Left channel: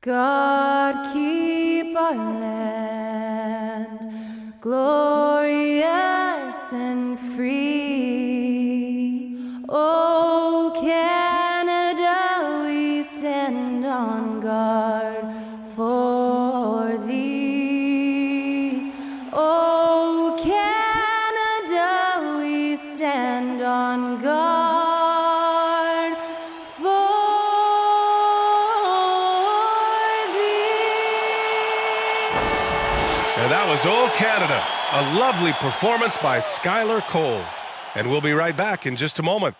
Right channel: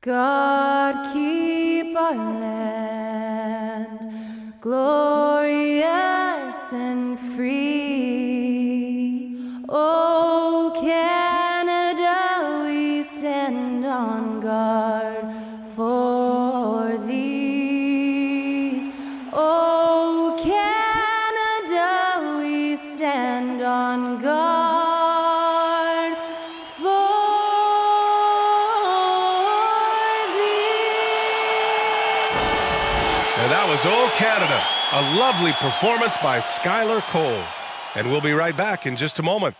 God keep our land glorious and free. Oh, Canada, we stand on guard for thee. Oh, Canada, we stand on guard for And that was Old Canada, a lovely performance by Skylar Cole. And we'll be right back in just a moment.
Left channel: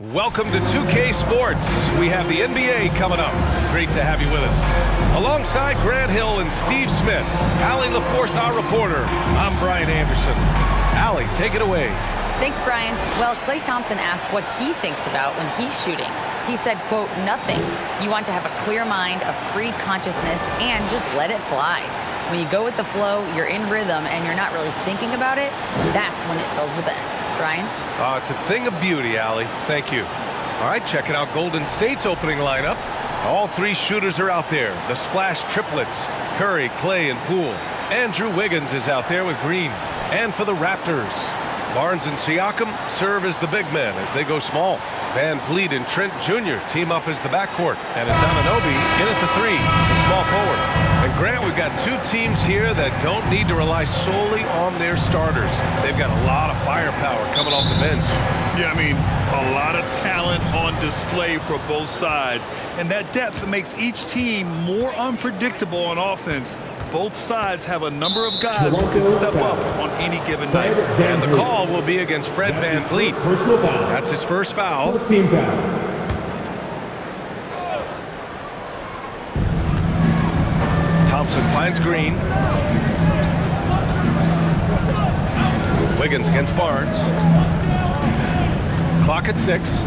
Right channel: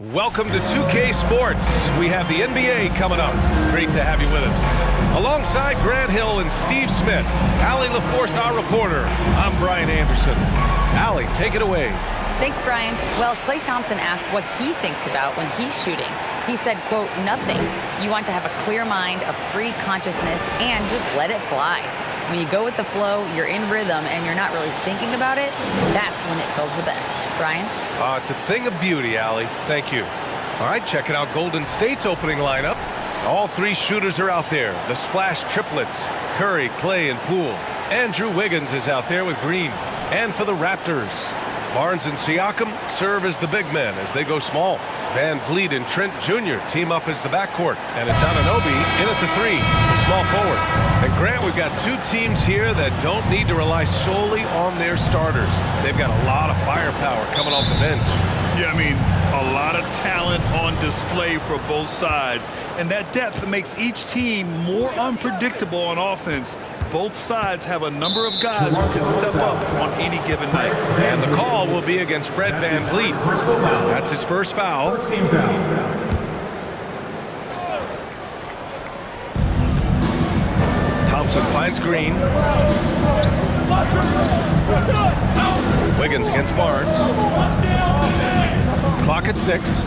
Welcome to 2K Sports. We have the NBA coming up. Great to have you with us. Alongside Grant Hill and Steve Smith, Allie LaForce, our reporter. I'm Brian Anderson. Allie, take it away. Thanks, Brian. Well, Klay Thompson asked what he thinks about when he's shooting. He said, quote, nothing. You want to have a clear mind, a free consciousness, and just let it fly. When you go with the flow, you're in rhythm, and you're not really thinking about it, that's when it feels the best. Brian? It's a thing of beauty, Allie. Thank you. All right, checking out Golden State's opening lineup. All three shooters are out there. The splash triplets, Curry, Klay, and Poole. Andrew Wiggins is out there with Green. And for the Raptors, Barnes and Siakam serve as the big men as they go small. Van Vliet and Trent Jr. team up as the backcourt. And it's Anunoby in at the three, the small forward. And Grant, we've got two teams here that don't need to rely solely on their starters. They've got a lot of firepower coming off the bench. Yeah, I mean, a lot of talent on display for both sides. And that depth makes each team more unpredictable on offense. Both sides have a number of guys who can step up on any given night. And the call will be against Fred Van Vliet. That's his first foul. Team foul. Thompson finds Green. Wiggins against Barnes. Clock at 6.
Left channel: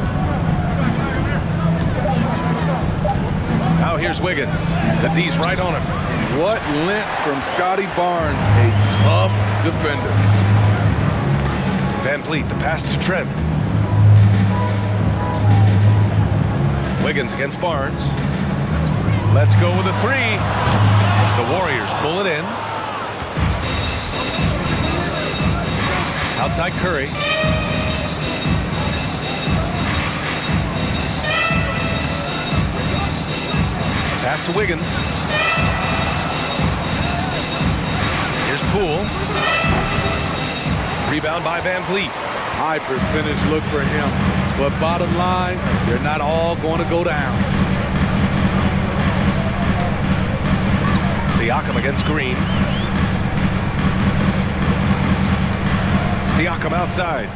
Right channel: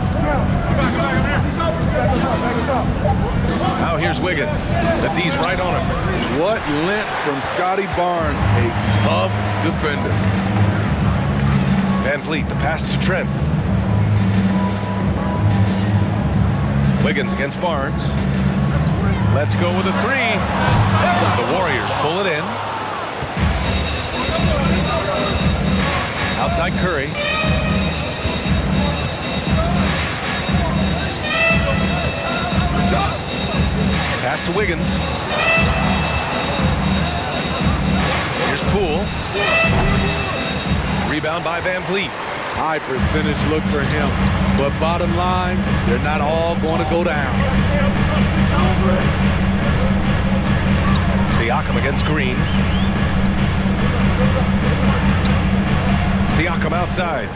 Now here's Wiggins. The D's right on him. What length from Scotty Barnes, a tough defender. Van Vliet, the pass to Trent. Wiggins against Barnes. Let's go with a three. The Warriors pull it in. Outside Curry. Pass to Wiggins. Here's Poole. Rebound by Van Vliet. High percentage look for him. But bottom line, they're not all going to go down. Siakam against Green. Siakam outside.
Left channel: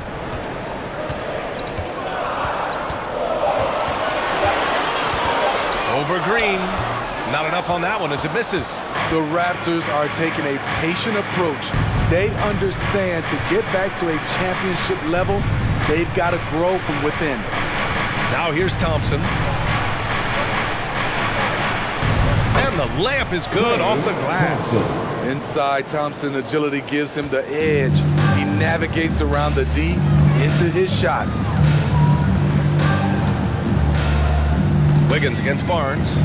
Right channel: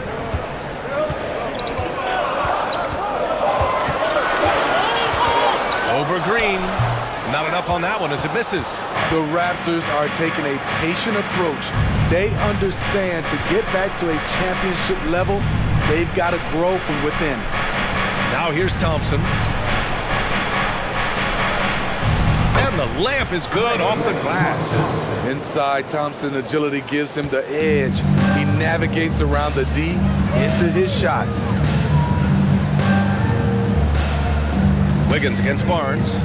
Over Green. Not enough on that one as it misses. The Raptors are taking a patient approach. They understand to get back to a championship level, they've got to grow from within. Now here's Thompson. And the layup is good off the glass. Inside, Thompson's agility gives him the edge. He navigates around the D into his shot. Wiggins against Barnes.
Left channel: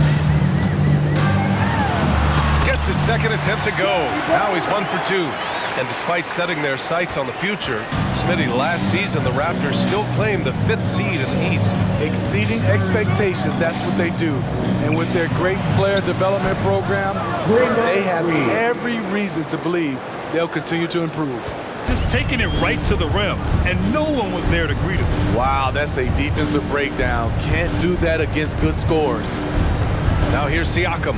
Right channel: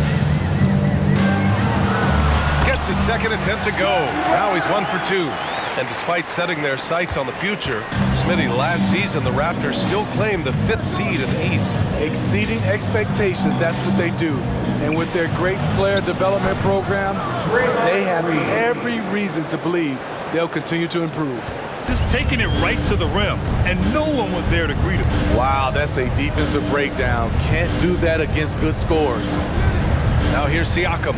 Gets his second attempt to go. Now he's 1 for 2. And despite setting their sights on the future, Smitty, last season the Raptors still claimed the 5th seed in the East. Exceeding expectations, that's what they do. And with their great player development program, they have every reason to believe they'll continue to improve. Just taking it right to the rim, and no one was there to greet him. Wow, that's a defensive breakdown. Can't do that against good scores. Now here's Siakam.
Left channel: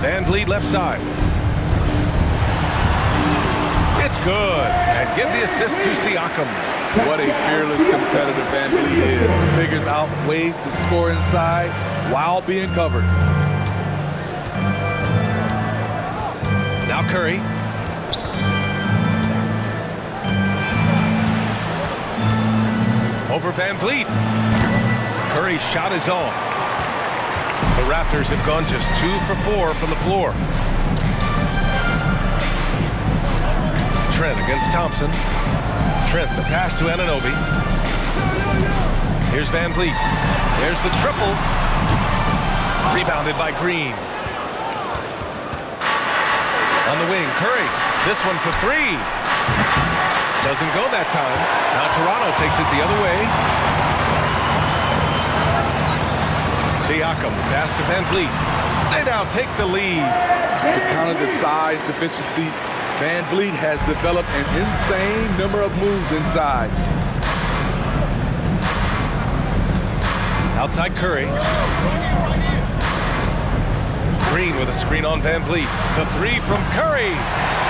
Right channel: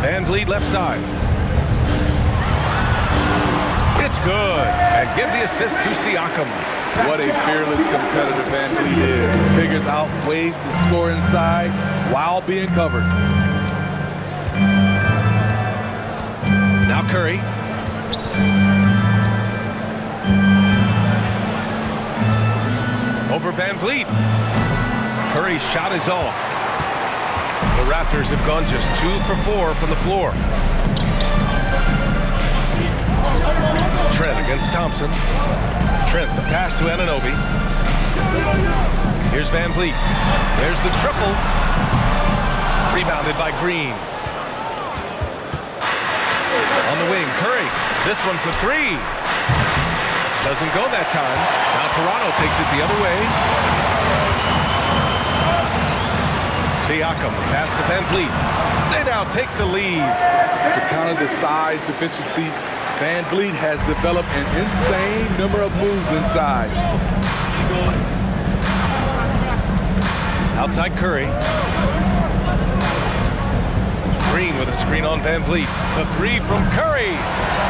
Van Vliet left side. It's good. And give the assist to Siakam. What a fearless competitor Van Vliet is. Figures out ways to score inside while being covered. Now Curry. Over Van Vliet. Curry's shot is off. The Raptors have gone just 2 for 4 from the floor. Trent against Thompson. Trent, the pass to Anunoby. Here's Van Vliet. There's the triple. Rebounded by Green. On the wing, Curry. This one for 3. Doesn't go that time. Now Toronto takes it the other way. Siakam, the pass to Van Vliet. They now take the lead. To counter the size deficiency, Van Vliet has developed an insane number of moves inside. Outside Curry. Green with a screen on Van Vliet. The 3 from Curry.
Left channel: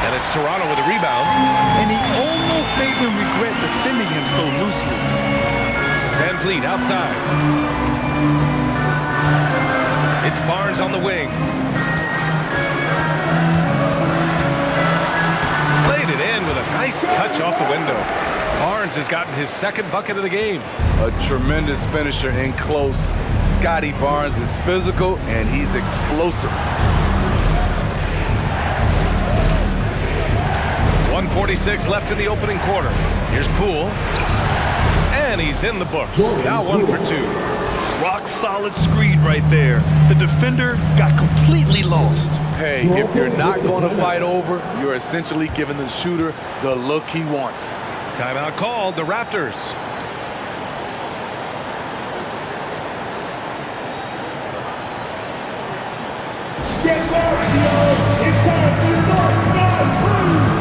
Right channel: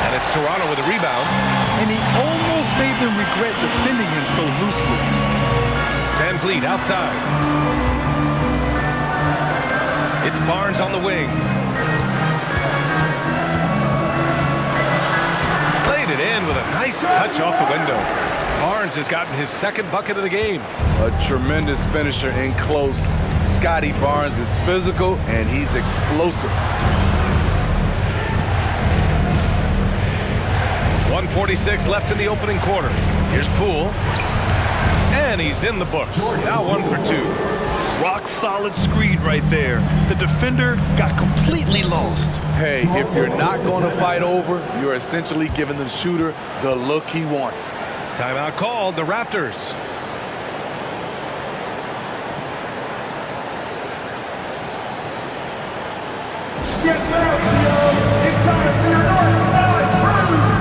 And it's Toronto with a rebound. And he almost made them regret defending him so loosely. Van Vliet outside. It's Barnes on the wing. Played it in with a nice touch off the window. Barnes has gotten his second bucket of the game. A tremendous finisher in close. Scotty Barnes is physical and he's explosive. 1:46 left in the opening quarter. Here's Poole. And he's in the books. Now 1 for 2. Rock solid screen right there. The defender got completely lost. Hey, if you're not going to fight over, you're essentially giving the shooter the look he wants. Timeout called, the Raptors. Get back, Theo! It's time for your North Side Crew!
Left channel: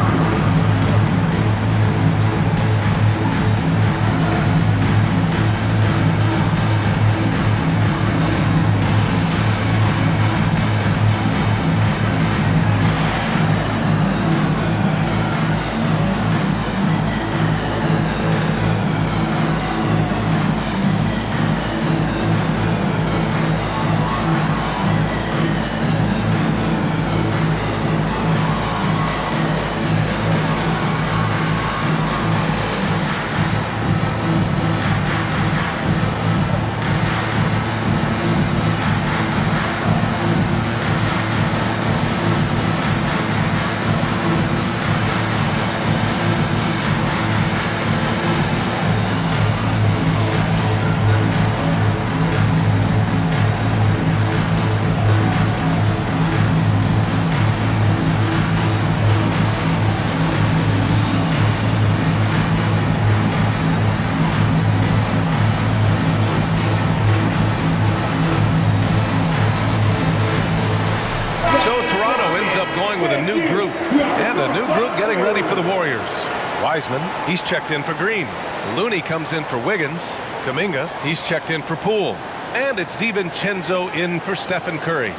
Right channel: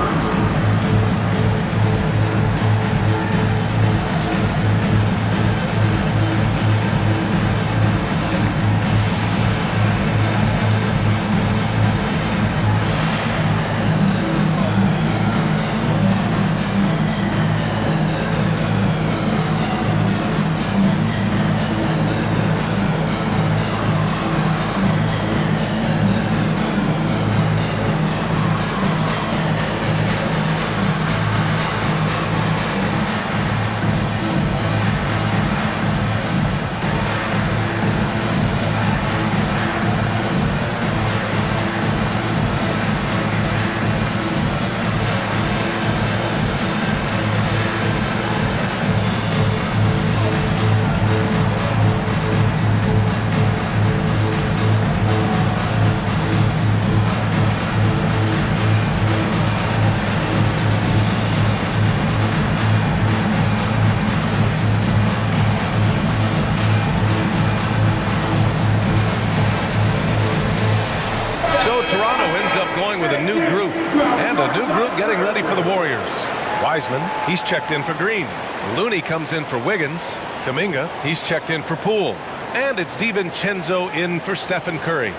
So Toronto ends up going with a new group, and a new group getting ready for the Warriors. Wiseman, he's checked in for Green. Looney comes in for Wiggins. Kuminga, he's checked in for Poole. And it's DiVincenzo in for Stephen Curry.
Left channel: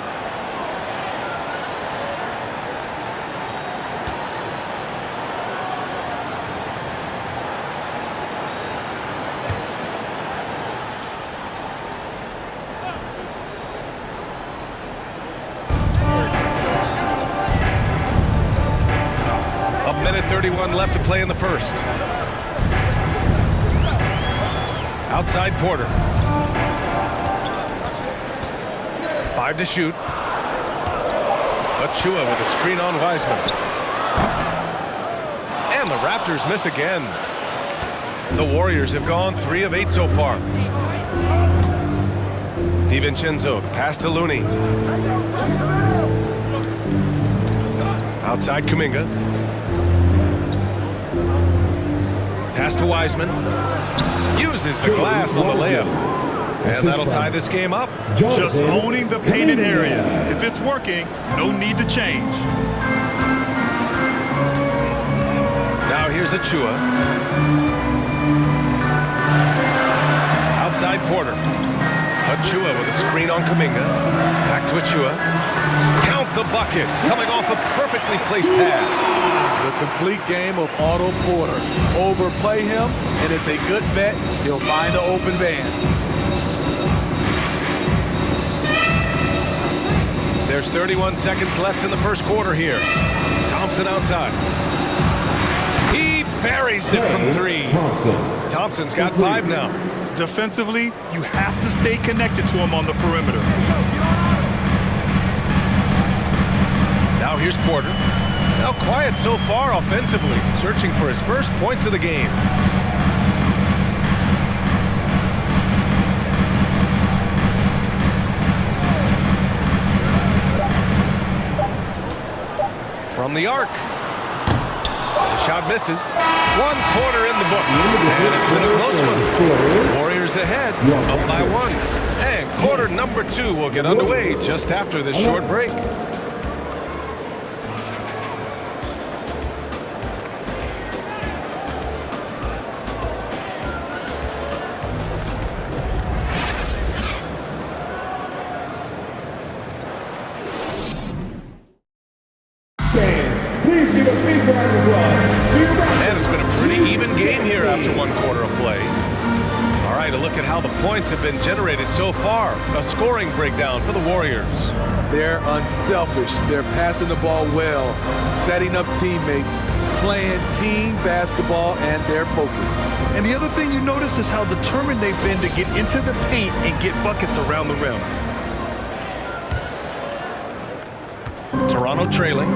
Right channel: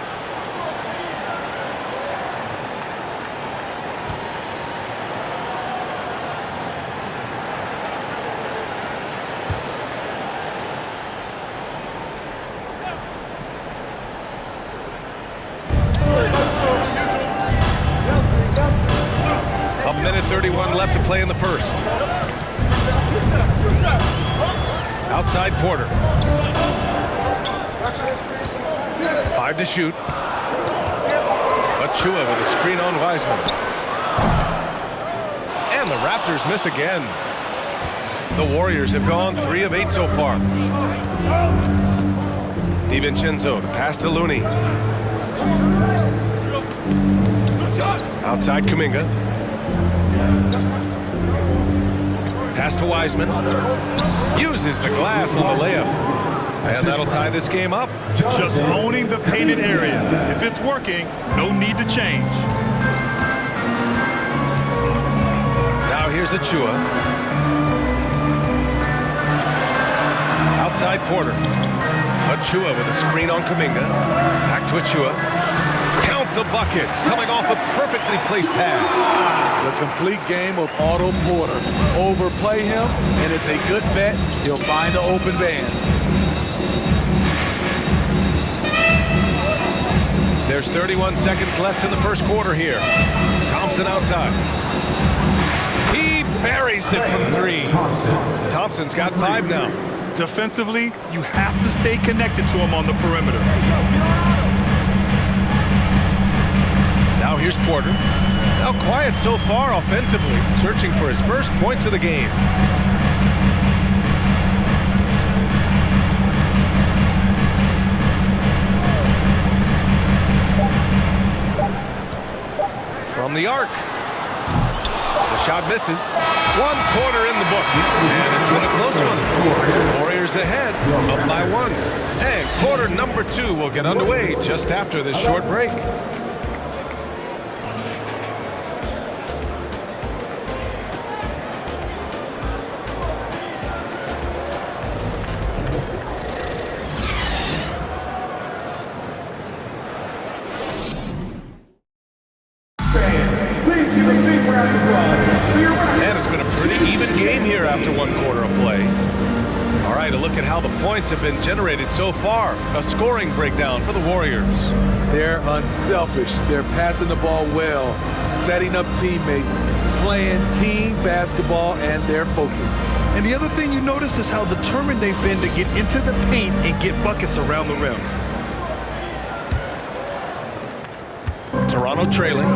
A minute 31 left to play in the first. Outside Porter. 5 to shoot. Achua with a screen on Wiseman. And the Raptors miss again. The Warriors have gone 3 of 8 so far. DiVincenzo, the pass to Looney. Outside Kuminga. Pass to Wiseman. Uses the glass on the layup. And that'll tie this game up. Just owning the painted area. If it's working, no need to change. Now here's Achua. Outside Porter. Achua with a screen on Kuminga. Back to Achua. Count the bucket. Coming off a perfectly placed pass. The complete game of Otto Porter. Overplay him, and it's a good bet he'll find the open man. There's 31 seconds left in the first quarter here. Thompson outside. He buries it from three. Thompson's got 5 now. Defensively, you have to stay connected to him on the perimeter. Now here's Porter. Now quiet so far offensively, searching for his first points of the game. From the arc. The shot misses. 1 quarter in the books. And it's been a close one. Warriors ahead, up by 1. And quarter number 2 will get underway just after this short break. Please give a big round of applause for your Raptors. And it's been a pretty even game here after 1 quarter of play. All right, a look at how the points have been generated so far. A scoring breakdown for the Warriors. They're unselfish. They're passing the ball well, setting up teammates, playing team basketball, and they're focused. And the other thing you notice is how determined they've been to get into the paint and get buckets around the rim. Toronto trailing.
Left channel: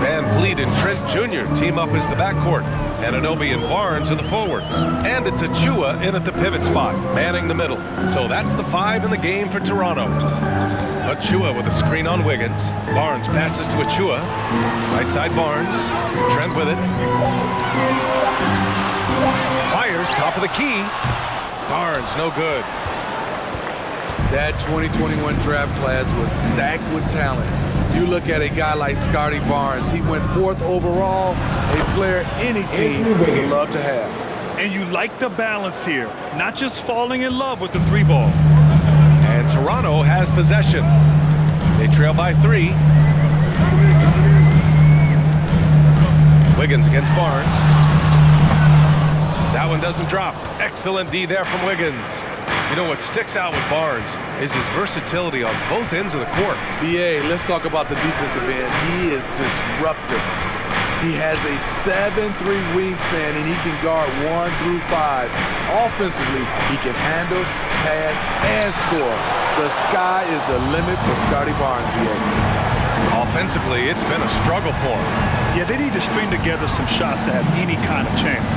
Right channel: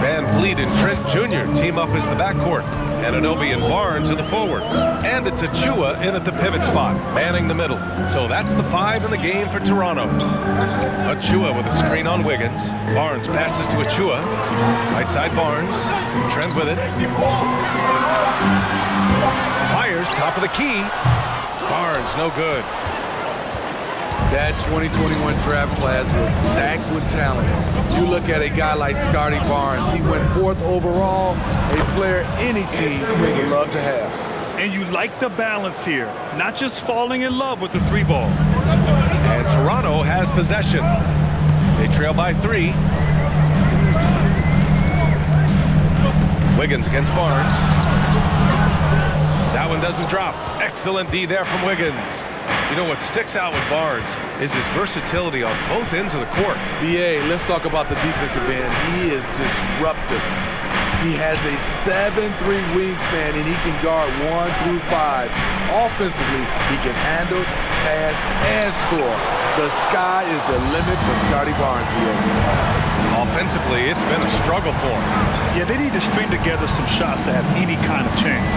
Van Vliet and Trent Jr. team up as the backcourt. Anunoby and Barnes are the forwards. And it's Achua in at the pivot spot, manning the middle. So that's the 5 in the game for Toronto. Achua with a screen on Wiggins. Barnes passes to Achua. Right side Barnes. Trent with it. Fires top of the key. Barnes no good. That 2021 draft class was stacked with talent. You look at a guy like Scotty Barnes. He went 4th overall, a player any team would love to have. And you like the balance here, not just falling in love with the 3 ball. And Toronto has possession. They trail by 3. Wiggins against Barnes. That one doesn't drop. Excellent D there from Wiggins. You know what sticks out with Barnes is his versatility on both ends of the court. BA, let's talk about the defensive end. He is disruptive. He has a 7'3" wingspan, and he can guard 1 through 5. Offensively, he can handle, pass, and score. The sky is the limit for Scotty Barnes, BA. Offensively, it's been a struggle for him. Yeah, they need to string together some shots to have any kind of chance.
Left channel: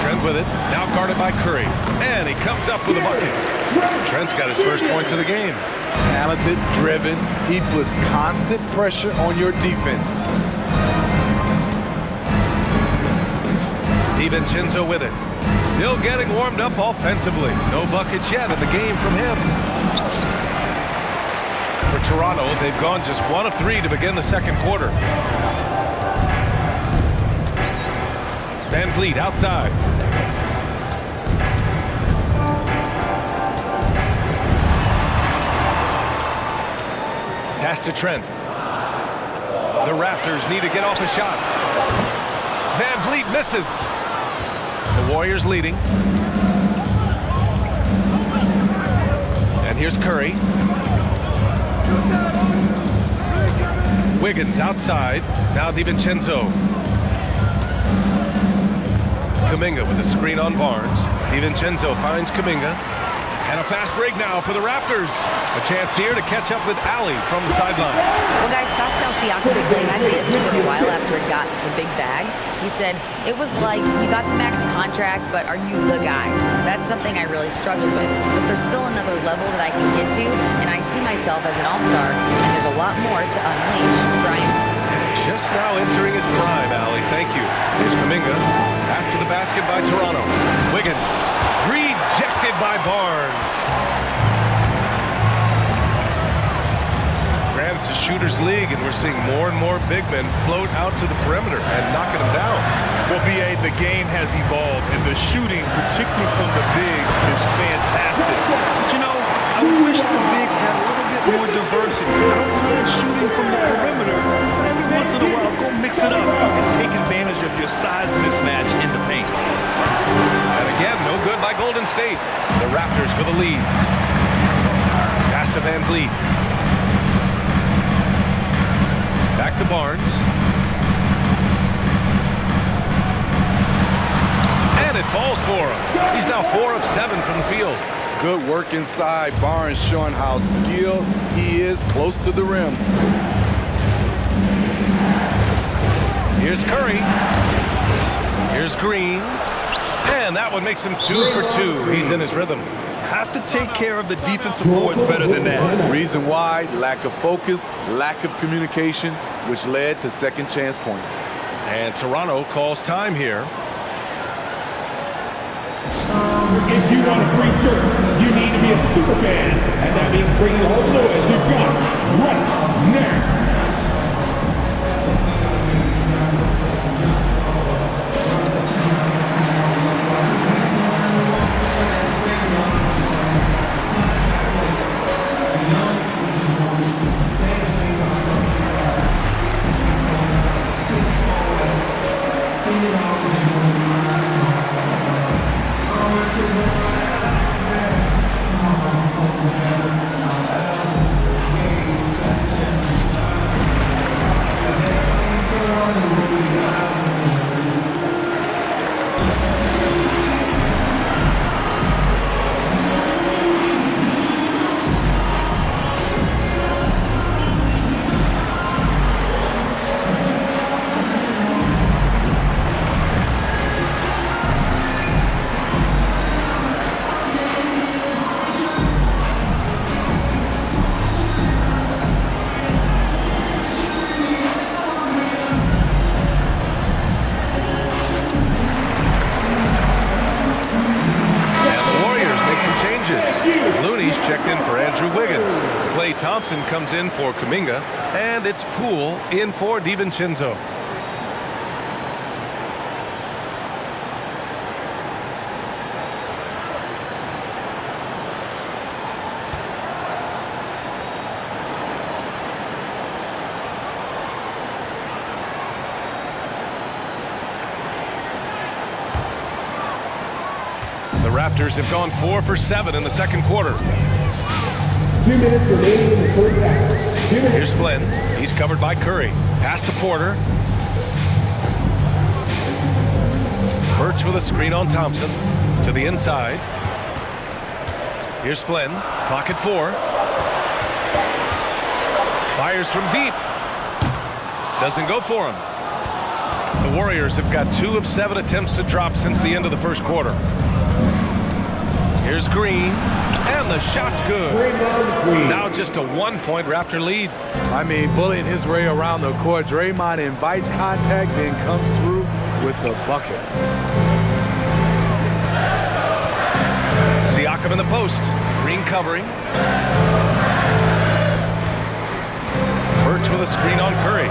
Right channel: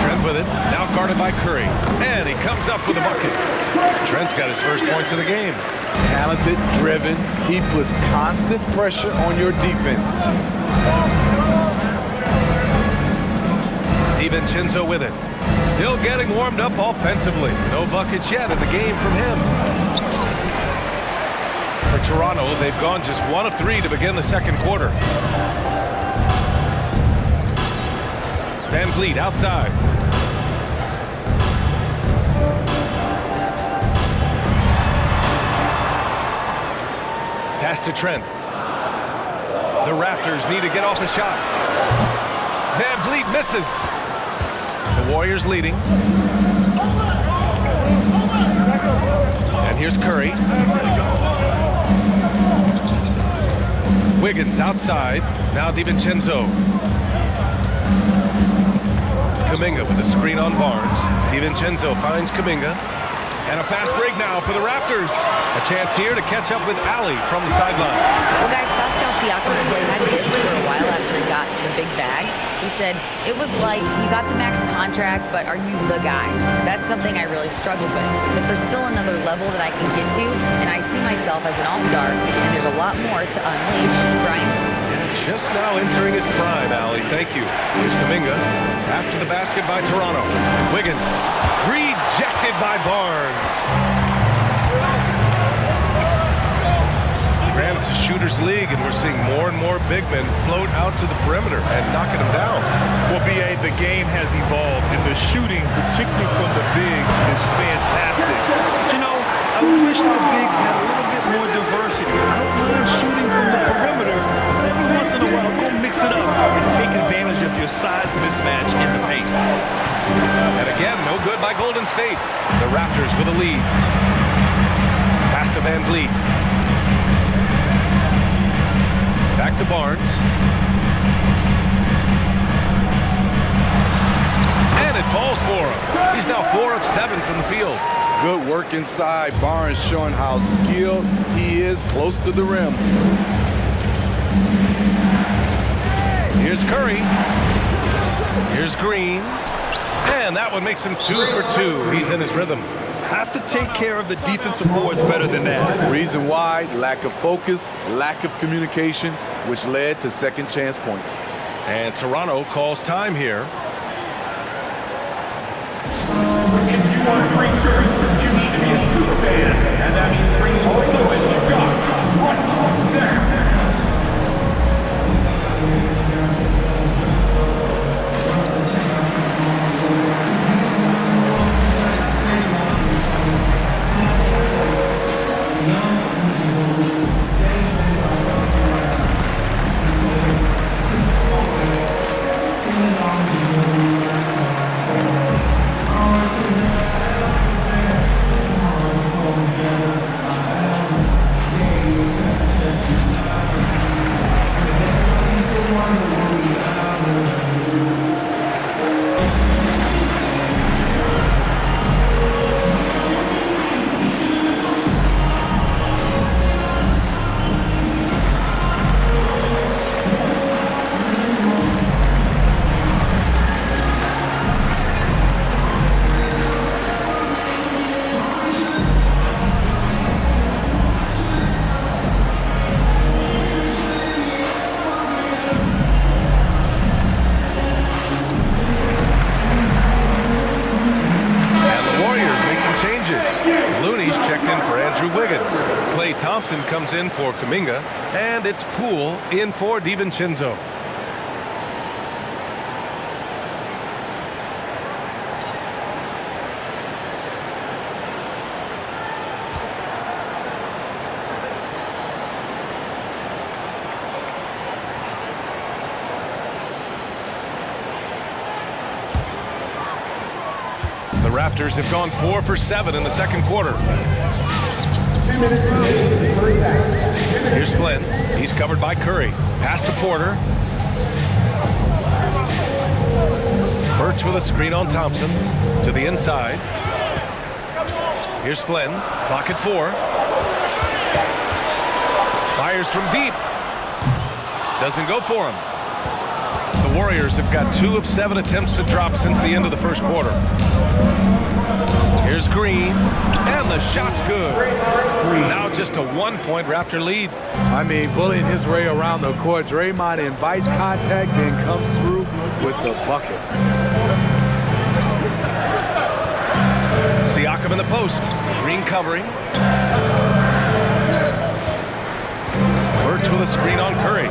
Trent with it, now guarded by Curry. And he comes up with a bucket. Trent's got his first points of the game. Talented, driven, he puts constant pressure on your defense. DiVincenzo with it. Still getting warmed up offensively. No buckets yet in the game from him. For Toronto, they've gone just 1 of 3 to begin the second quarter. Van Vliet outside. Pass to Trent. The Raptors need to get off a shot. Van Vliet misses. The Warriors leading. And here's Curry. Wiggins outside. Now DiVincenzo. Kuminga with a screen on Barnes. DiVincenzo finds Kuminga. And a fast break now for the Raptors. A chance here to catch up with Ali from the sideline. Well, guys, Pascal Siakam's play had dipped for a while after he got the big bag. He said, it was like, you got the max contract, but are you the guy? That's something I really struggled with. But there's still another level that I can get to, and I see myself as an all-star, and there's a lot more to unleash. Brian? Yeah, just now entering his prime, Ali. Thank you. Here's Kuminga. After the basket by Toronto. Wiggins. Rejected by Barnes. Granted, it's a shooter's league, and we're seeing more and more big men float out to the perimeter and knocking them down. Well, B.A., the game has evolved, and the shooting, particularly from the bigs, is fantastic. But, you know, I wish the bigs had a little bit more diversity. I don't mind shooting from the perimeter, but every once in a while, go mix it up and take advantage of your size mismatch in the paint. And again, no good by Golden State. The Raptors with a lead. Pass to Van Vliet. Back to Barnes. And it falls for him. He's now 4 of 7 from the field. Good work inside. Barnes showing how skilled he is close to the rim. Here's Curry. Here's Green. And that one makes him 2 for 2. He's in his rhythm. Have to take care of the defensive boards better than that. Reason why, lack of focus, lack of communication, which led to second chance points. And Toronto calls time here. If you want a free shirt, you need to be a super fan, and that means bringing all the fluid you've got right now. Looney's checked in for Andrew Wiggins. Klay Thompson comes in for Kuminga. And it's Poole in for DiVincenzo. The Raptors have gone 4 for 7 in the second quarter. 2 minutes remaining in the first half. Here's Flynn. He's covered by Curry. Pass to Porter. Birch with a screen on Thompson. To the inside. Here's Flynn. Clock at 4. Fires from deep. Doesn't go for him. The Warriors have got 2 of 7 attempts to drop since the end of the first quarter. Here's Green, and the shot's good. Now just a 1-point Raptor lead. I mean, bullying his way around the court. Draymond invites contact, then comes through with the bucket. Siakam in the post. Green covering. Birch with a screen on Curry.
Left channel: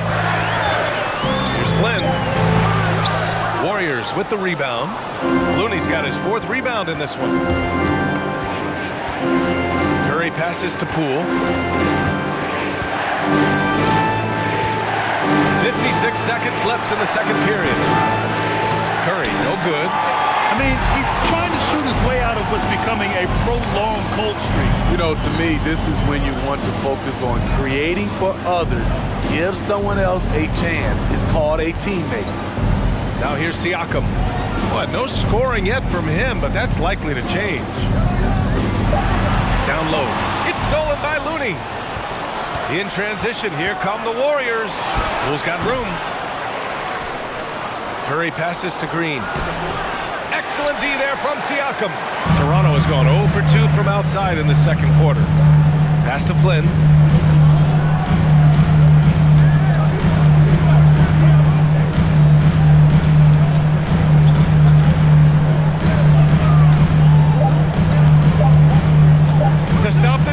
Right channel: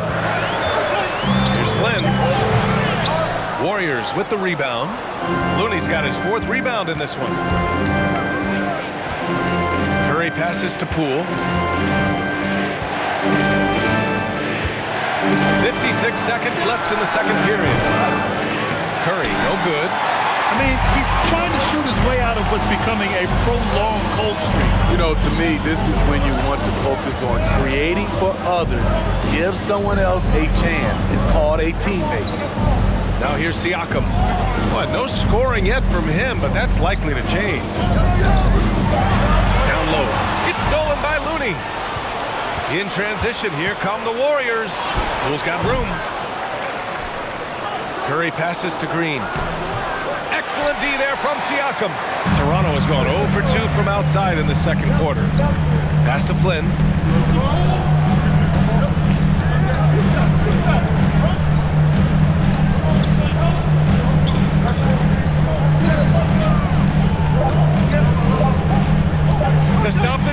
Here's Flynn. Warriors with the rebound. Looney's got his 4th rebound in this one. Curry passes to Poole. 56 seconds left in the second period. Curry, no good. I mean, he's trying to shoot his way out of what's becoming a prolonged cold streak. You know, to me, this is when you want to focus on creating for others. Give someone else a chance. It's called a teammate. Now here's Siakam. Well, no scoring yet from him, but that's likely to change. Down low. It's stolen by Looney. In transition, here come the Warriors. Poole's got room. Curry passes to Green. Excellent D there from Siakam. Toronto has gone 0 for 2 from outside in the second quarter. Pass to Flynn.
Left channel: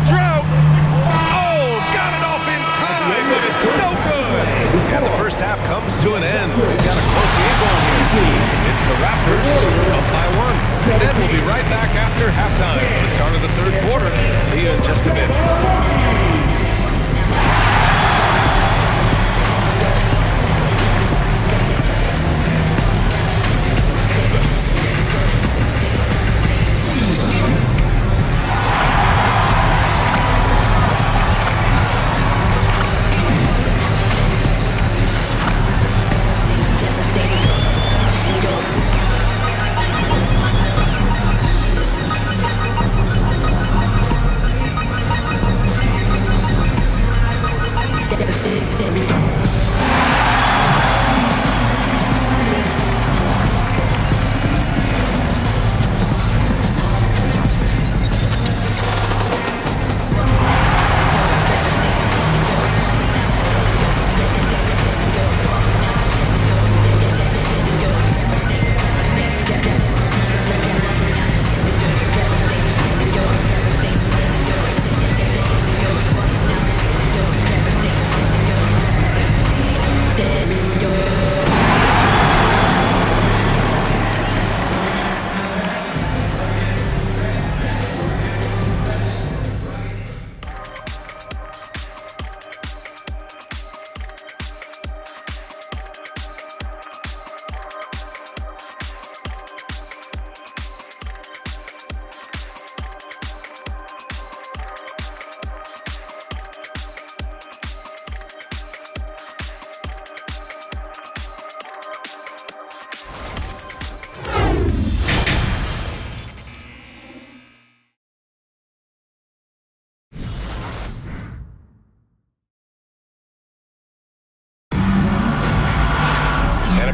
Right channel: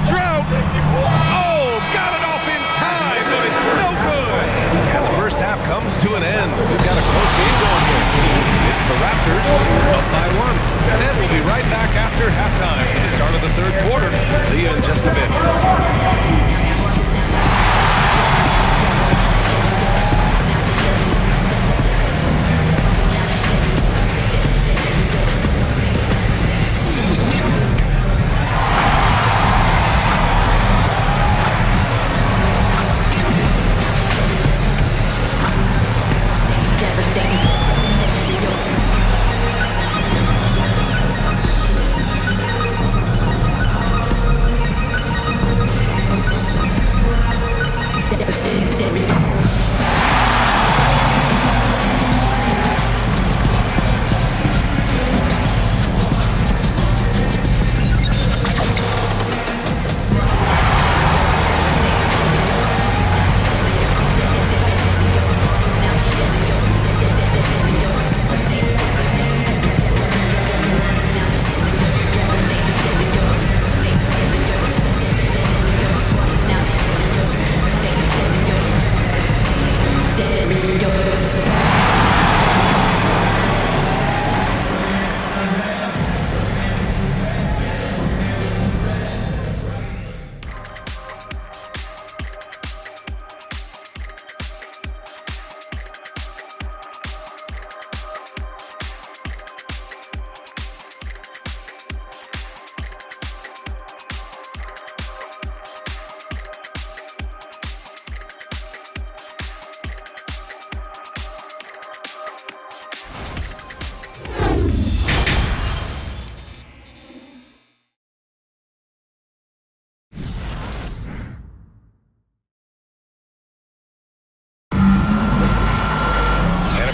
drought. Oh, got it off in time, but it's no good. And the first half comes to an end. We've got a close game going here. It's the Raptors up by 1. And we'll be right back after halftime for the start of the third quarter. See you in just a bit.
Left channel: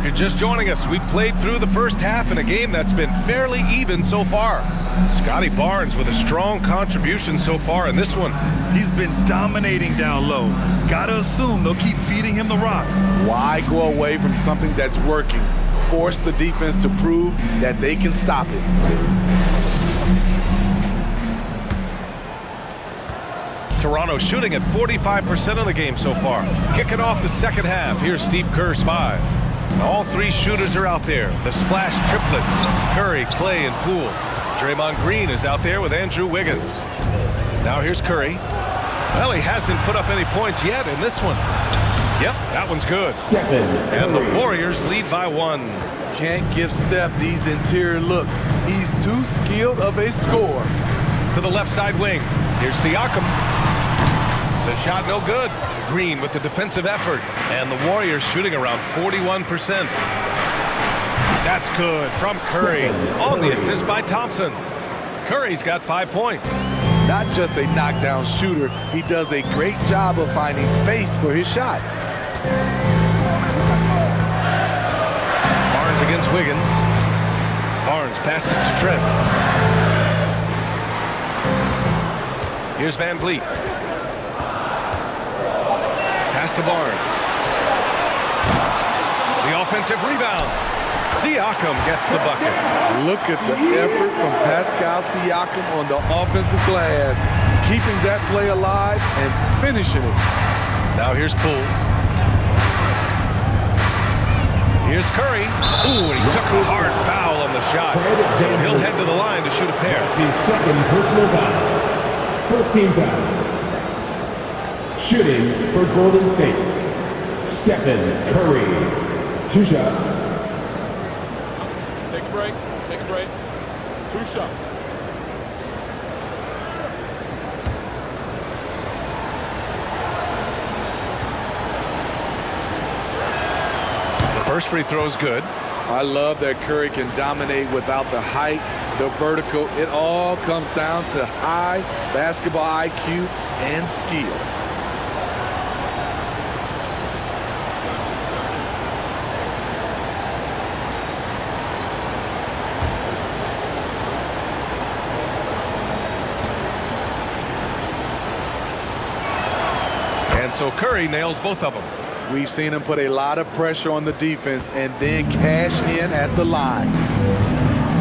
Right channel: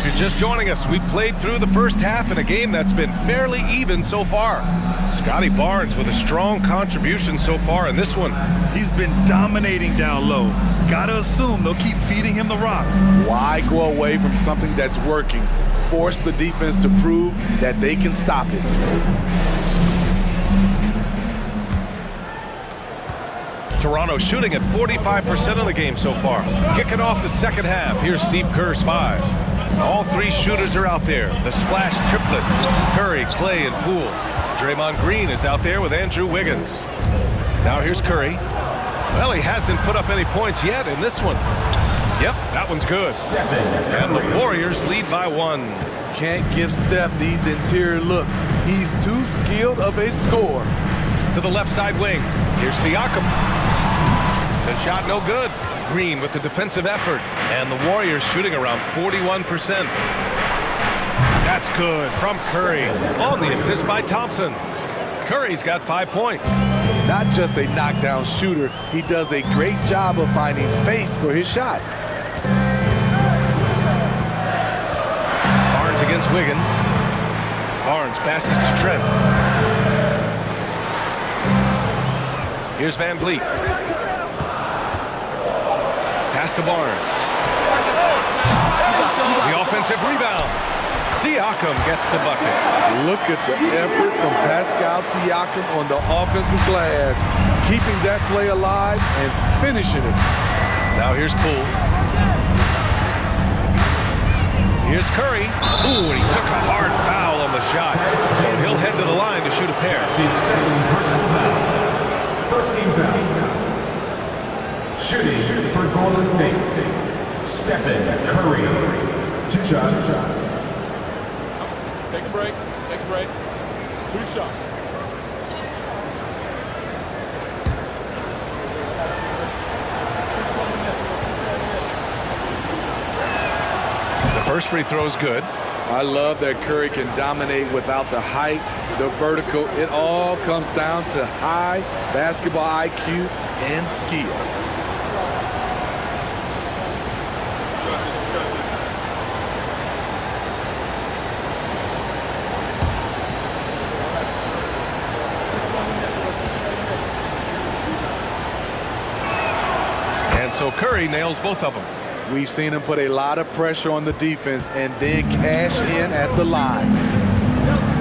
If you're just joining us, we played through the first half in a game that's been fairly even so far. Scotty Barnes with a strong contribution so far in this one. He's been dominating down low. Gotta assume they'll keep feeding him the rock. Why go away from something that's working? Force the defense to prove that they can stop it. Toronto shooting at 45% of the game so far. Kicking off the second half, here's Steve Kerr's 5. All 3 shooters are out there. The splash triplets, Curry, Clay, and Poole. Draymond Green is out there with Andrew Wiggins. Now here's Curry. Well, he hasn't put up any points yet in this one. Yep, that one's good. And the Warriors lead by 1. Can't give Steph these interior looks. He's too skilled of a scorer. To the left side wing, here's Siakam. The shot no good. Green with the defensive effort. And the Warriors shooting around 41%. That's good from Curry on the assist by Thompson. Curry's got 5 points. Not just a knockdown shooter, he does a great job of finding space for his shot. Barnes against Wiggins. Barnes passes to Trent. Here's Van Vliet. Pass to Barnes. The offensive rebound. Siakam gets the bucket. Look at the effort from Pascal Siakam on the offensive glass, keeping that play alive and finishing it. Now here's Poole. Here's Curry. Ooh, and he took a hard foul on the shot. So he'll head to the line to shoot a pair. The second personal foul. First team foul. Shooting for Golden State, Stephen Curry. 2 shots. Take a break. Take a break. 2 shots. The first free throw is good. I love that Curry can dominate without the height, the vertical. It all comes down to high basketball IQ and skill. And so Curry nails both of them. We've seen him put a lot of pressure on the defense and then cash in at the line.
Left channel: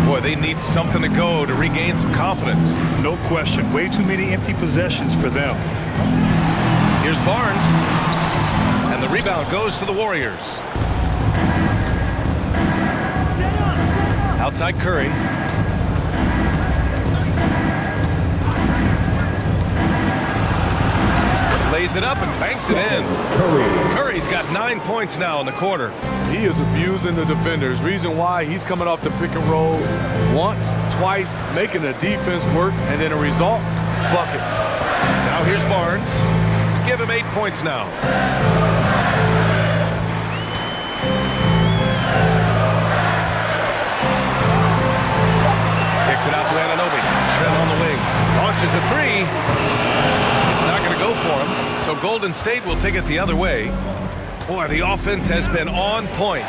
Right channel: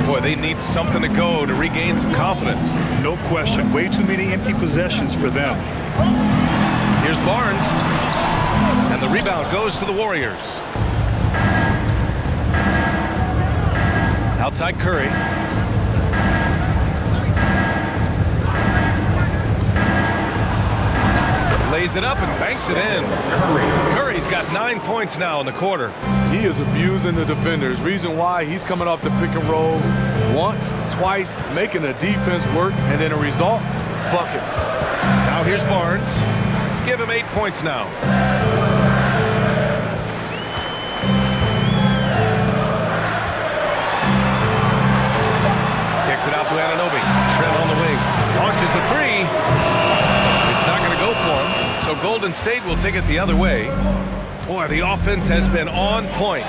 Boy, they need something to go to regain some confidence. No question. Way too many empty possessions for them. Here's Barnes. And the rebound goes to the Warriors. Outside Curry. Lays it up and banks it in. Curry's got 9 points now in the quarter. He is abusing the defenders. Reason why, he's coming off the pick and rolls once, twice, making the defense work, and then a result, bucket. Now here's Barnes. Give him 8 points now. Kicks it out to Anunoby. Trent on the wing. Launches a three. It's not going to go for him. So Golden State will take it the other way. Boy, the offense has been on point.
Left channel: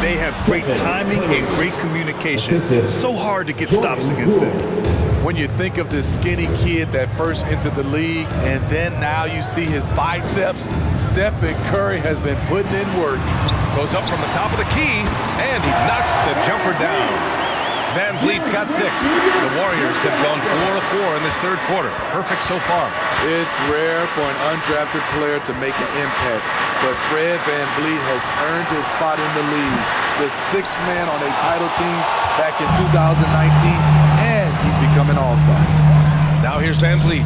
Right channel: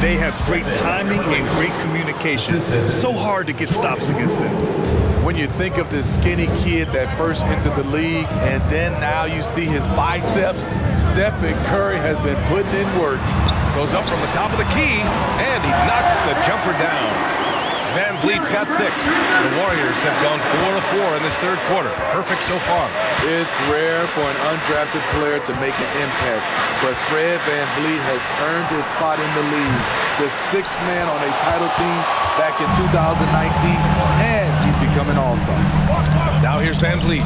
They have great timing and great communication. So hard to get stops against them. When you think of this skinny kid that first entered the league, and then now you see his biceps, Stephen Curry has been putting in work. Goes up from the top of the key, and he knocks the jumper down. Van Vliet's got 6. The Warriors have gone 4 of 4 in this third quarter. Perfect so far. It's rare for an undrafted player to make an impact, but Fred Van Vliet has earned his spot in the league. The 6th man on a title team back in 2019, and he's become an all-star. Now here's Van Vliet.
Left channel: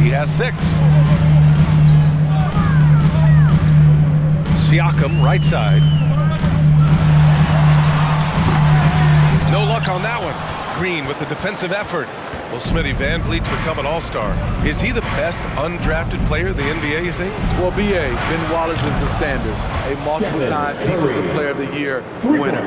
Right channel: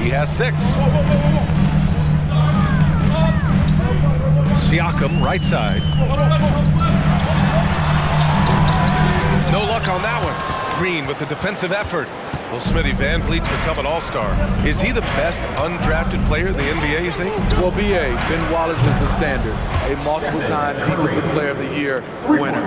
He has 6. Siakam, right side. No luck on that one. Green with the defensive effort. Well, Smitty, Van Vliet's become an all-star. Is he the best undrafted player in the NBA, you think? Well, B.A., Ben Wallace is the standard. A multiple-time Defensive Player of the Year winner.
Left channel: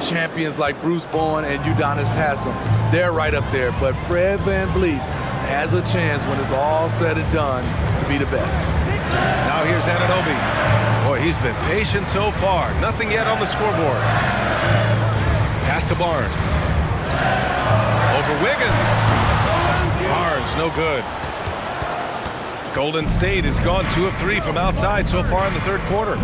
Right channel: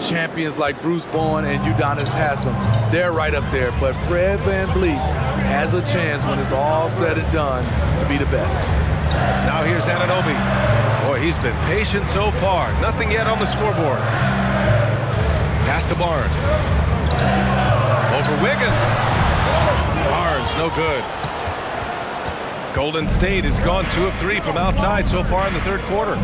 Champions like Bruce Bowen and Udonis Haslem, they're right up there. But Fred Van Vliet has a chance when it's all said and done to be the best. Now here's Anunoby. Boy, he's been patient so far. Nothing yet on the scoreboard. Pass to Barnes. Over Wiggins. Barnes, no good. Golden State has gone 2 of 3 from outside so far in the third quarter.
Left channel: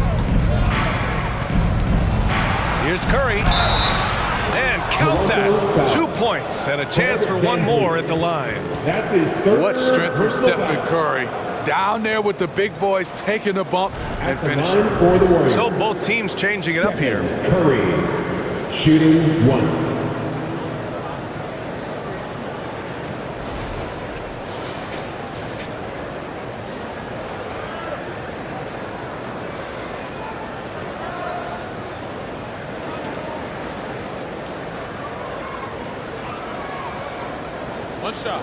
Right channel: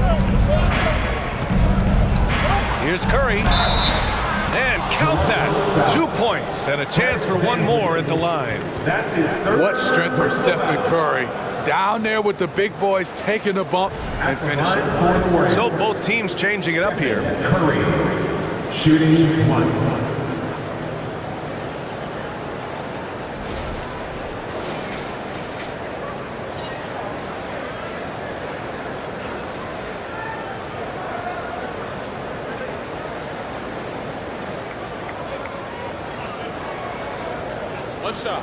Here's Curry. And count that. 2 points and a chance for one more at the line. That's his third. What strength from Stephen Curry. Down there with the big boys, taking a bump and finishing. For the Warriors. So both teams changing it up here. Curry, shooting 1. One shot.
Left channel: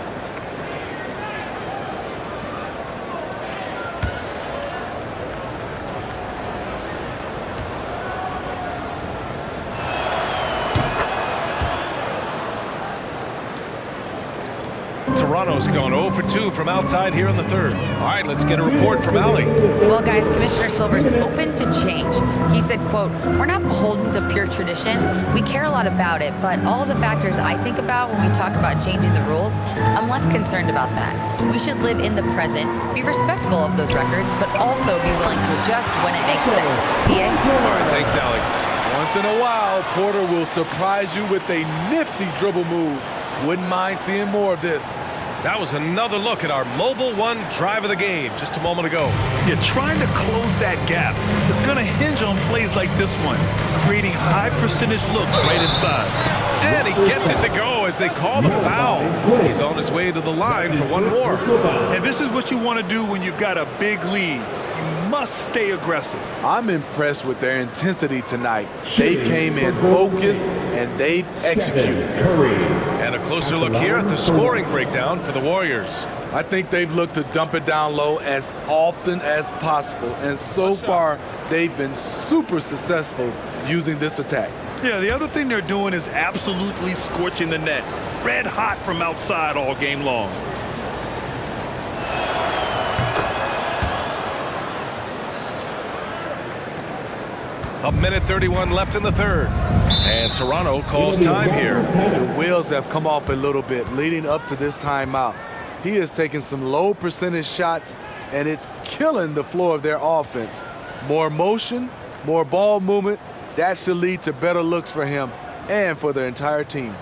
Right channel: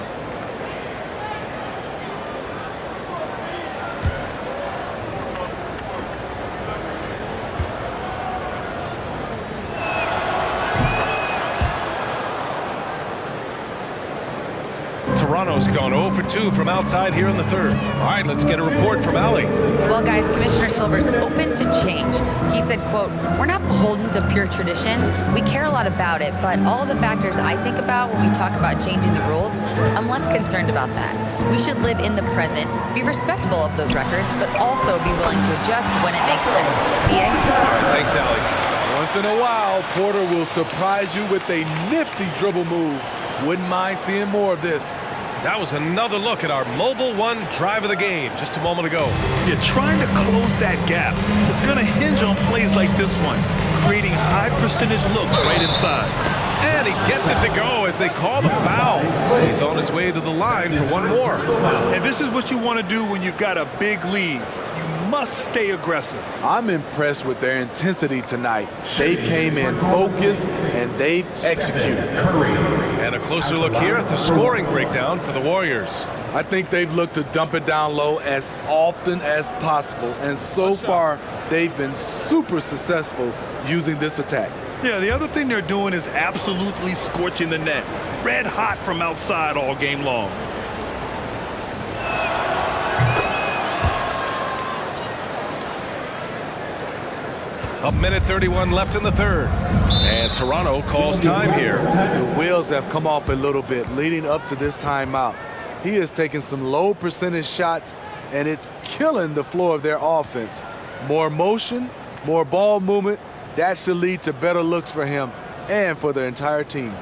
Toronto's gone 0 for 2 from outside here in the third. All right, let's get a report from Allie. Well, guys, Commissioner Silver's open to change. He said, quote, "We're not beholden to pure tradition. We care a lot about it, but all the factors I think about when we talk about changing the rules, I'm less concerned about that. We should live in the present, be respectful of those records, but also be willing to adjust when it makes sense." PA? All right, thanks, Allie. Once in a while, Porter will surprise you with a nifty dribble move. Wouldn't mind seeing more of this. That was another look at our Mobile One drive of the game just a moment ago. You're trying to close that gap. It's going to hinge on plays like this one, creating high percentage looks right inside. And he gets it to go as they call the foul. He's on his way to the line for one more. And this is what you want to do when you've got a big lead. You must stay aggressive. I'm impressed with their intensity tonight. They came in focused and they've executed. And a closer look here at the scoring breakdown for the Warriors. I think they've looked to dump it down low as often as possible. And so far, they've been super successful using this attack. Yeah, the other thing they're doing is absolutely scorching the net. Red hot from outside all game long. A minute 31 left in the third. And Toronto calls time here. The wheels have come off a little bit leading up to this timeout. He has taken some low percentage shots, and it's killing the flow of their offense. More motion, more ball movement, that should lead to better looks for him. and for their entire team.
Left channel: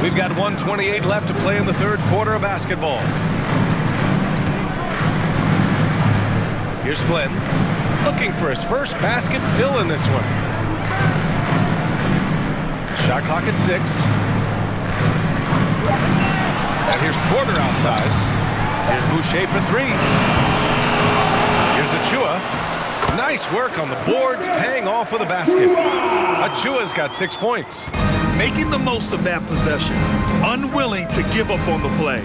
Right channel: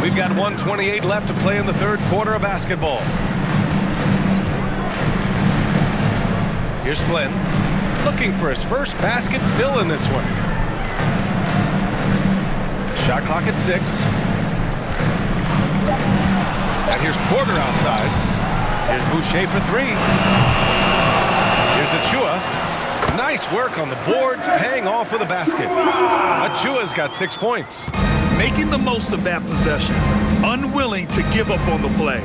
We've got 1:28 left to play in the third quarter of basketball. Here's Flynn, looking for his first basket, still in this one. Shot clock at 6. And here's Porter outside. Here's Boucher for 3. Here's Achua. Nice work on the boards, paying off with a basket. Achua's got 6 points. Making the most of that possession, unwilling to give up on the play.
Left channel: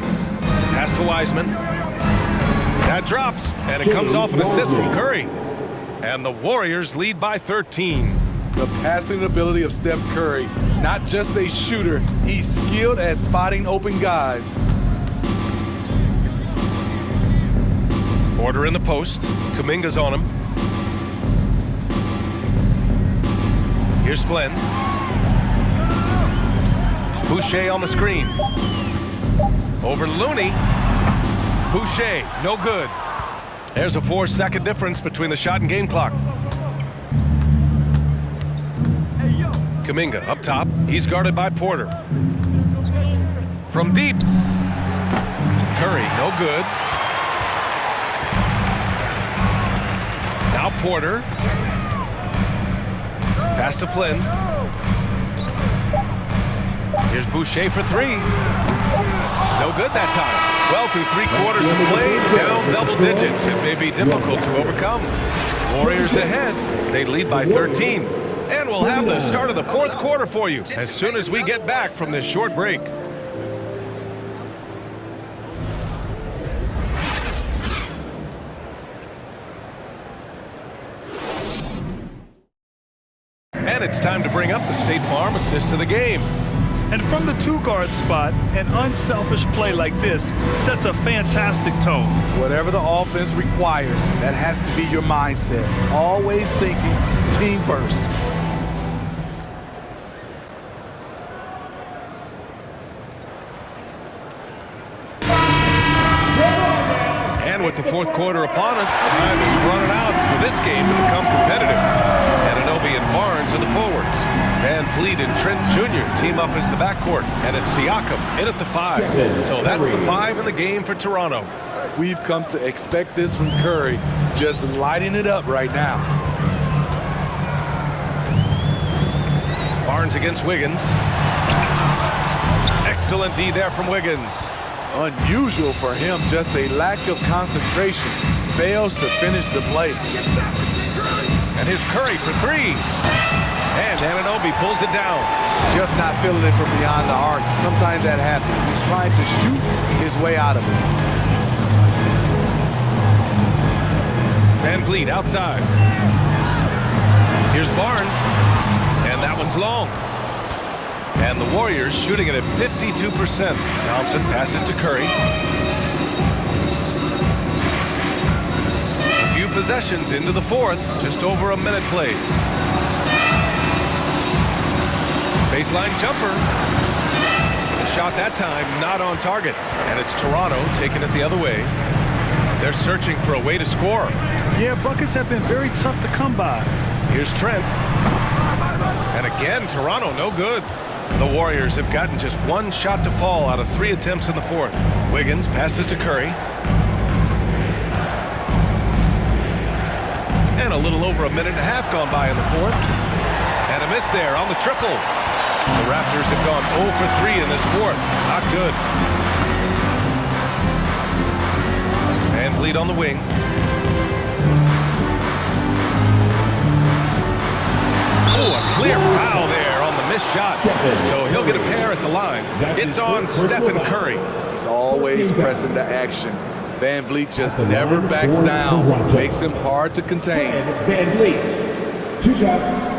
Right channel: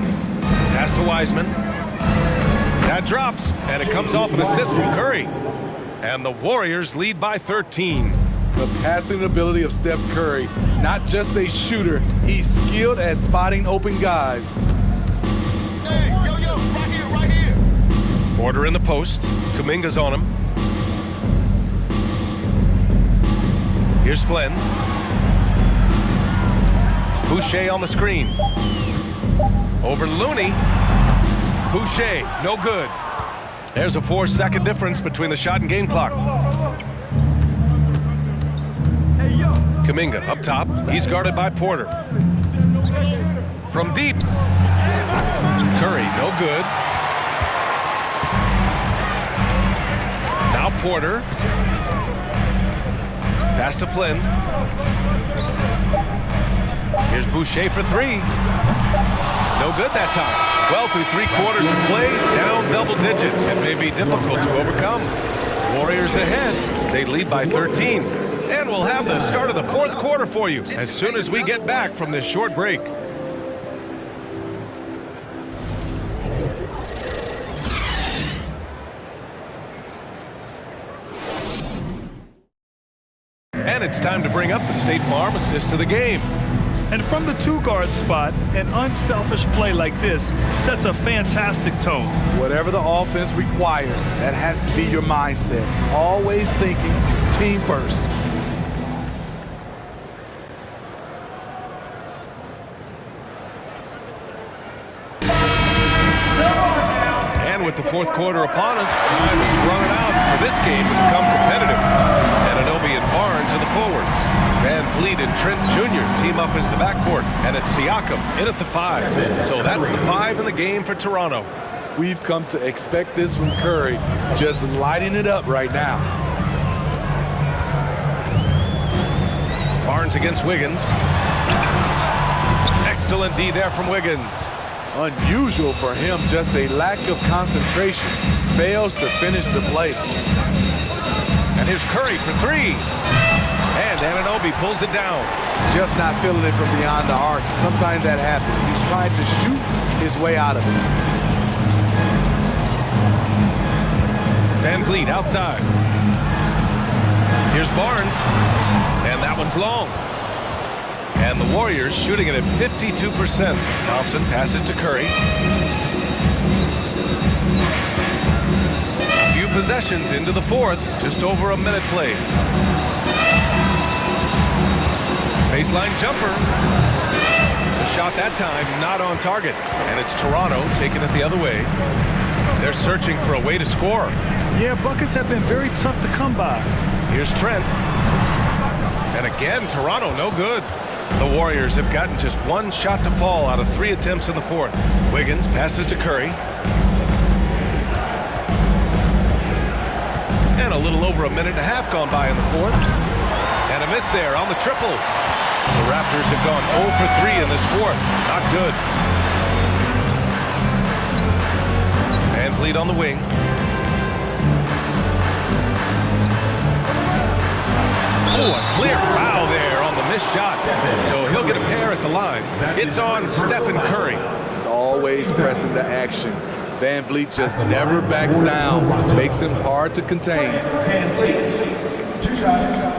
Pass to Wiseman. That drops, and it comes off an assist from Curry. And the Warriors lead by 13. The passing ability of Steph Curry, not just a shooter, he's skilled at spotting open guys. Hey, right here. Porter in the post. Kuminga's on him. Here's Flynn. Boucher on the screen. Over Looney. Boucher, no good. There's a 4-second difference between the shot and game clock. Kuminga up top. He's guarded by Porter. From deep. Curry, no good. Now Porter. Pass to Flynn. Here's Boucher for 3. No good that time. Well, through 3 quarters of play, down double digits. It may be difficult to overcome. Warriors ahead. They lead by 13. And we'll have the start of the fourth quarter for you as soon as we get back from this short break. And it's time to bring up the State Farm assist of the game. And from the 2-guard spot, an unselfish play like this sets a fantastic tone. Whatever the offense requires, that has to be your mindset. Always thinking team first. And with the fourth quarter upon us, time is running out for this game to become competitive. Anunoby and Barnes are the forwards. Van Fleet and Trent Jr. team up as the backcourt. And it's Siakam in at the 5. So that's the 5 in the game for Toronto. We've come to expect this from Curry, just lighting it up right now. Barnes against Wiggins. Excellent D there from Wiggins. Unusual for him, just a lack of concentration. Fails to finish the play. And here's Curry for 3. And Anunoby pulls it down. Just not feeling it from beyond the arc. Sometimes that happens. He's trying to shoot his way out of it. Van Vliet outside. Here's Barnes, and that one's long. And the Warriors shooting it at 52%. Thompson passes to Curry. A few possessions into the fourth, just over a minute played. Baseline jumper. The shot that time not on target, and it's Toronto taking it the other way. They're searching for a way to score. Yeah, buckets have been very tough to come by. Here's Trent. And again, Toronto no good. The Warriors have gotten just one shot to fall out of 3 attempts in the fourth. Wiggins passes to Curry. And a little over a minute and a half gone by in the fourth. And a miss there on the triple. The Raptors have gone 0 for 3 in this fourth. Not good. Van Vliet on the wing. Oh, a clear foul there on the missed shot. So he'll get a pair at the line. It's on Stephen Curry. He's always pressing the action. Van Vliet just never backs down. Makes him hard to contain. Van Vliet, 2 shots.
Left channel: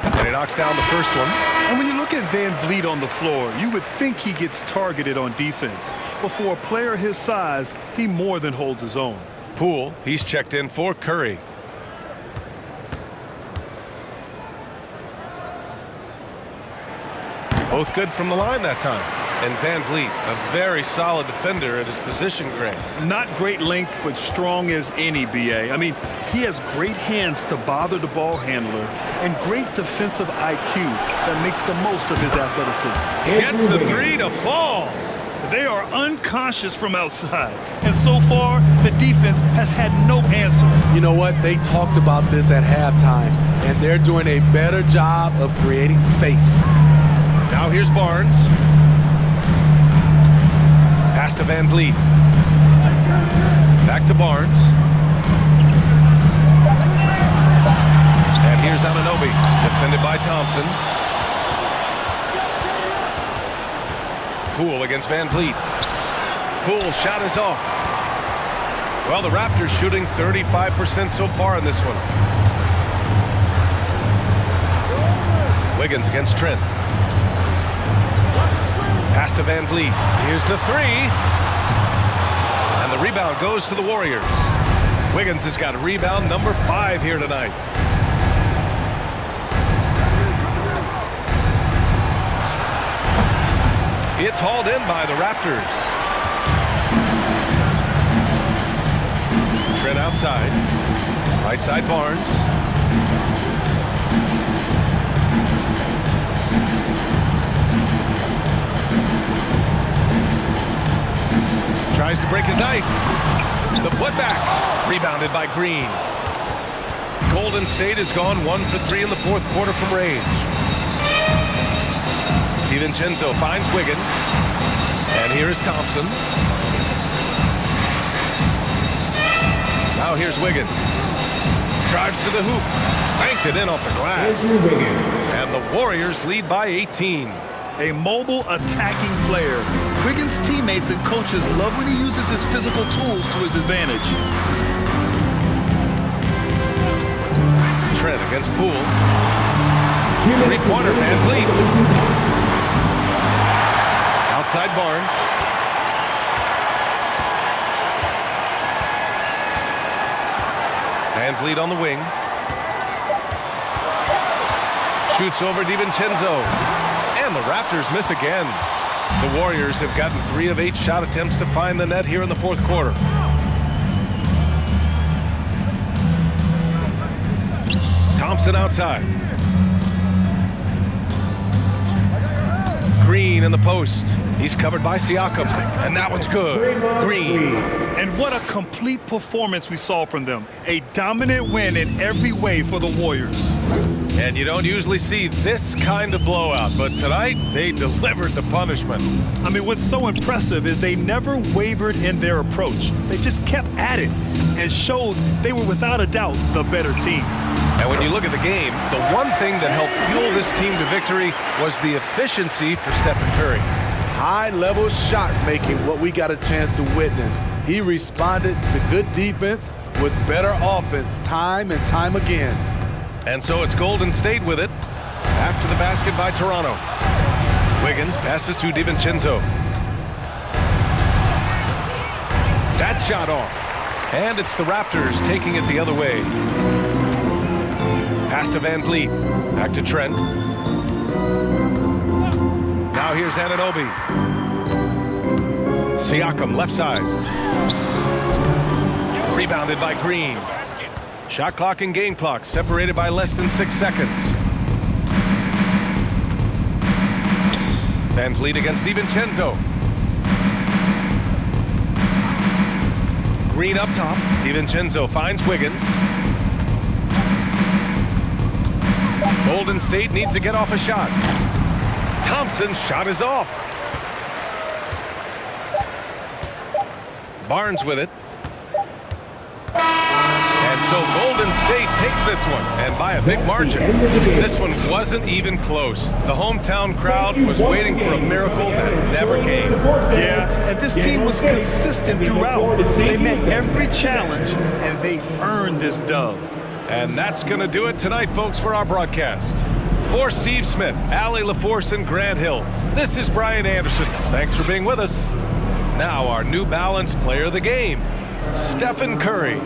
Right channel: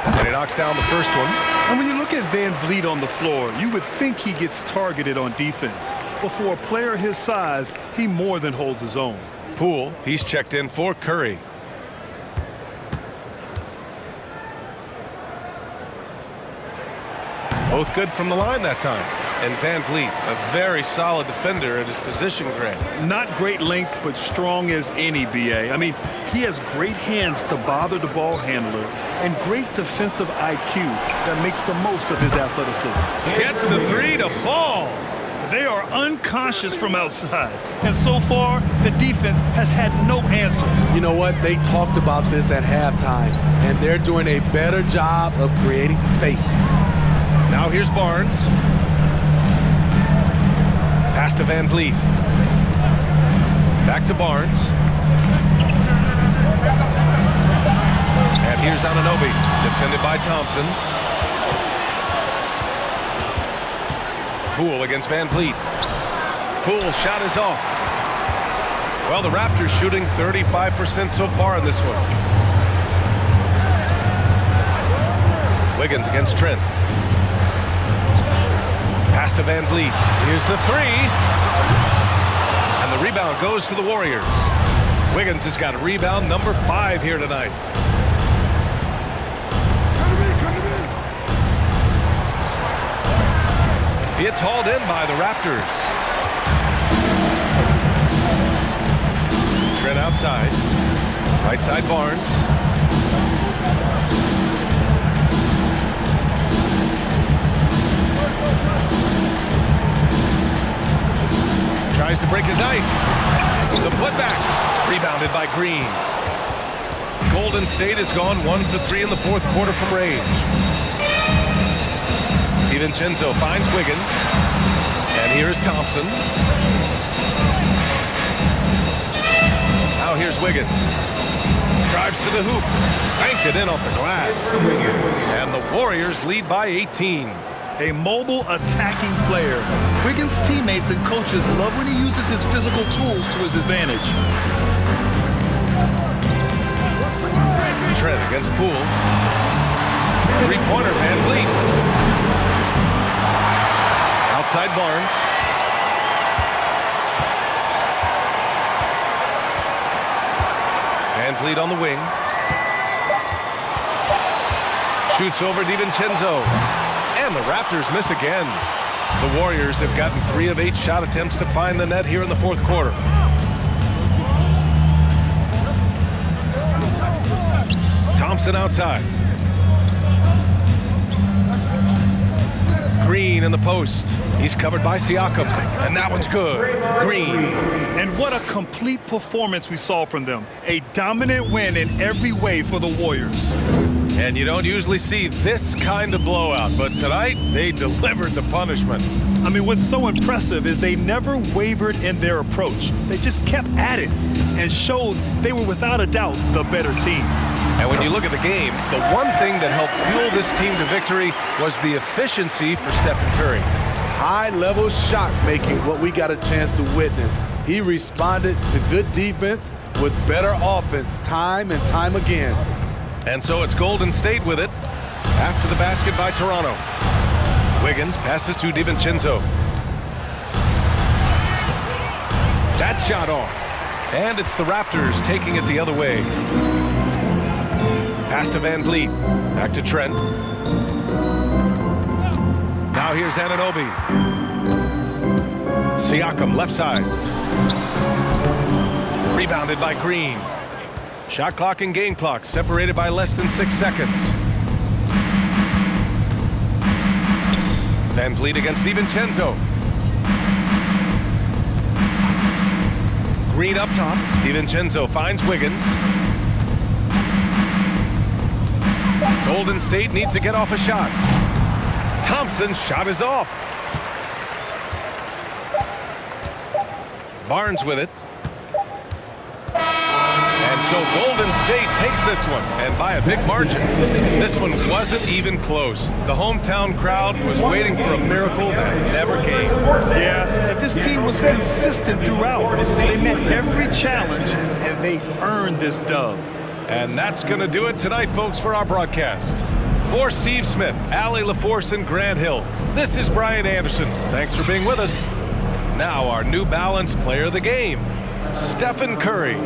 And he knocks down the first one. And when you look at Van Vliet on the floor, you would think he gets targeted on defense. But for a player his size, he more than holds his own. Poole, he's checked in for Curry. Both good from the line that time. And Van Vliet, a very solid defender at his position grade. Not great length, but strong as any, B.A. I mean, he has great hands to bother the ball handler and great defensive IQ that makes the most of his athleticism. Gets the 3 to fall. They are unconscious from outside, and so far, the defense has had no answer. You know what? They talked about this at halftime, and they're doing a better job of creating space. Now here's Barnes. Pass to Van Vliet. Back to Barnes. And here's Anunoby, defended by Thompson. Poole against Van Vliet. Poole's shot is off. Well, the Raptors shooting 35% so far in this one. Wiggins against Trent. Pass to Van Vliet. Here's the 3. And the rebound goes to the Warriors. Wiggins has got rebound number 5 here tonight. It's hauled in by the Raptors. Trent outside. Right side Barnes. Tries to break his ice. The putback. Rebounded by Green. Golden State has gone 1 for 3 in the fourth quarter from range. DiVincenzo finds Wiggins. And here's Thompson. Now here's Wiggins. Drives to the hoop. Banked it in off the glass. And the Warriors lead by 18. A mobile attacking player. Wiggins' teammates and coaches love when he uses his physical tools to his advantage. Trent against Poole. 3-pointer, Van Vliet. Outside Barnes. Van Vliet on the wing. Shoots over DiVincenzo. And the Raptors miss again. The Warriors have gotten 3 of 8 shot attempts to find the net here in the fourth quarter. Thompson outside. Green in the post. He's covered by Siakam. And that one's good. Green. And what a complete performance we saw from them. A dominant win in every way for the Warriors. And you don't usually see this kind of blowout, but tonight they delivered the punishment. I mean, what's so impressive is they never wavered in their approach. They just kept at it. and showed they were without a doubt the better team. And when you look at the game, the one thing that helped fuel this team to victory was the efficiency for Stephen Curry. High-level shot making, what we got a chance to witness. He responded to good defense with better offense time and time again. And so it's Golden State with it after the basket by Toronto. Wiggins passes to DiVincenzo. That shot off. And it's the Raptors taking it the other way. Pass to Van Vliet. Back to Trent. Now here's Anunoby. Siakam left side. Rebounded by Green. Shot clock and game clock separated by less than 6 seconds. Van Vliet against DiVincenzo. Green up top. DiVincenzo finds Wiggins. Golden State needs to get off a shot. Thompson's shot is off. Barnes with it. And so Golden State takes this one, and by a big margin. This one wasn't even close. The hometown crowd was waiting for a miracle that never came. Yeah, and this team was consistent throughout. They met every challenge, and they earned this dub. And that's going to do it tonight, folks, for our broadcast. For Steve Smith, Allie LaForce, and Grant Hill, this is Brian Anderson. Thanks for being with us. Now our New Balance player of the game, Stephen Curry.